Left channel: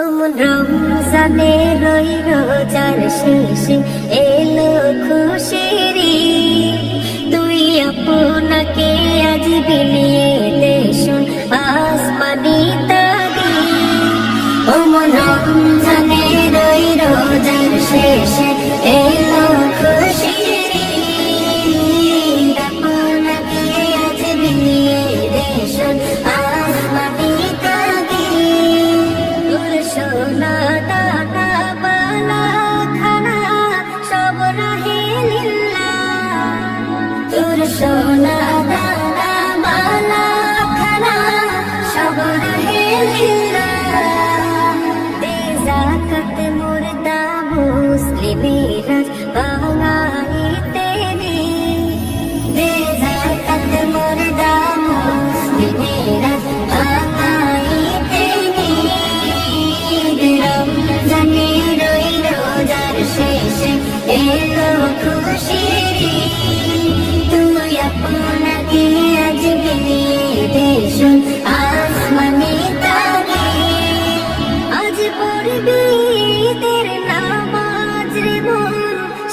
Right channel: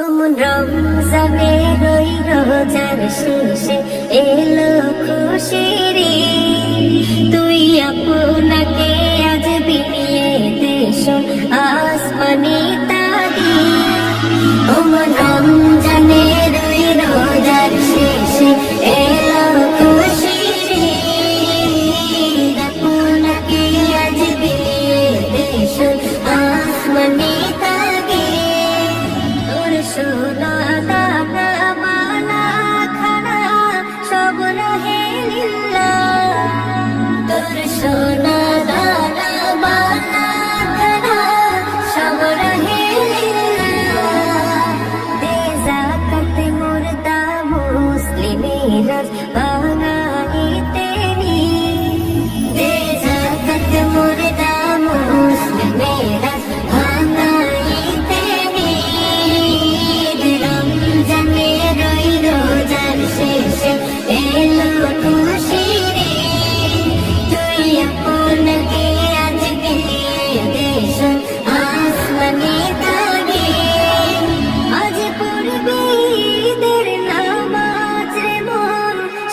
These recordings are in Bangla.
অমন রমজানের ওই রোজার শেষে এলো খুশির ঈদ। তুই আপনাকে আজ বিলিয়ে দে শোন আসমানি তাগিদ। অমন রমজানের ওই রোজার শেষে এলো খুশির ঈদ। আপনাকে আজ বিলিয়ে দে শোন আসমানি সোনা দানা বালা খানা সব রহে লিল্লাহ। তোর সোনা দানা বালা খানা সব রহে লিল্লাহ। দে যাকাত মুর্দা মুসলিমেরাজ বাঙালিতে নি। দে যাকাত মুর্দা মুসলিমেরাজ এলো খুশির ঈদ। তুই আপনাকে আজ বিলিয়ে দে শোন আসমানি তাগিদ। আজ পড়বি ঈদের নামাজ রে মন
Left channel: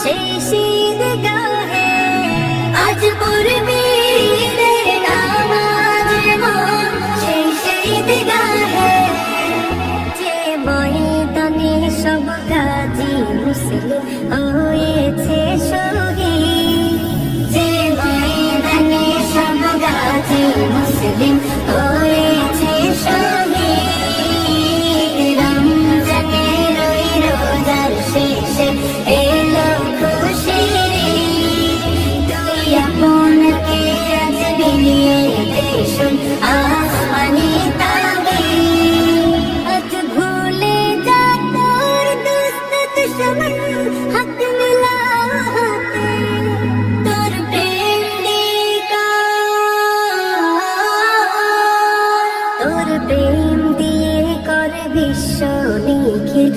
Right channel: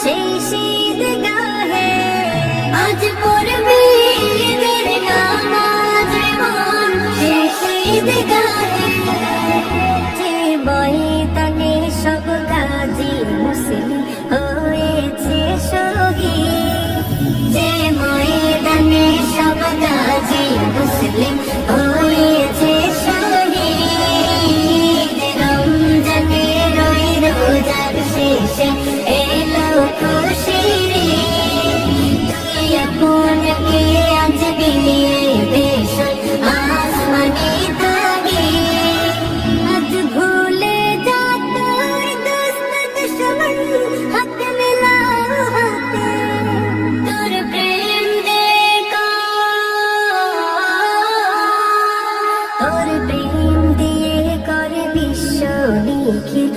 সেই ঈদগাহে। আজ পড়বি ঈদের নামাজ রে মন সেই ঈদগাহে। যে ময়দানে সব গাজী মুসলিম হয়েছে শহীদ। যে ময়দানে সব গাজী মুসলিম হয়েছে শহীদ। রমজানের ওই রোজার শেষে এলো খুশির ঈদ। তুই আপনাকে আজ বিলিয়ে দে শোন আসমানি তাগিদ। আজ ভুলে যা তোর দোস্ত দুশমন হাত মেলা হাতে। তোর প্রেম তোর প্রেম দিয়ে কর বিশ্ব নিখিল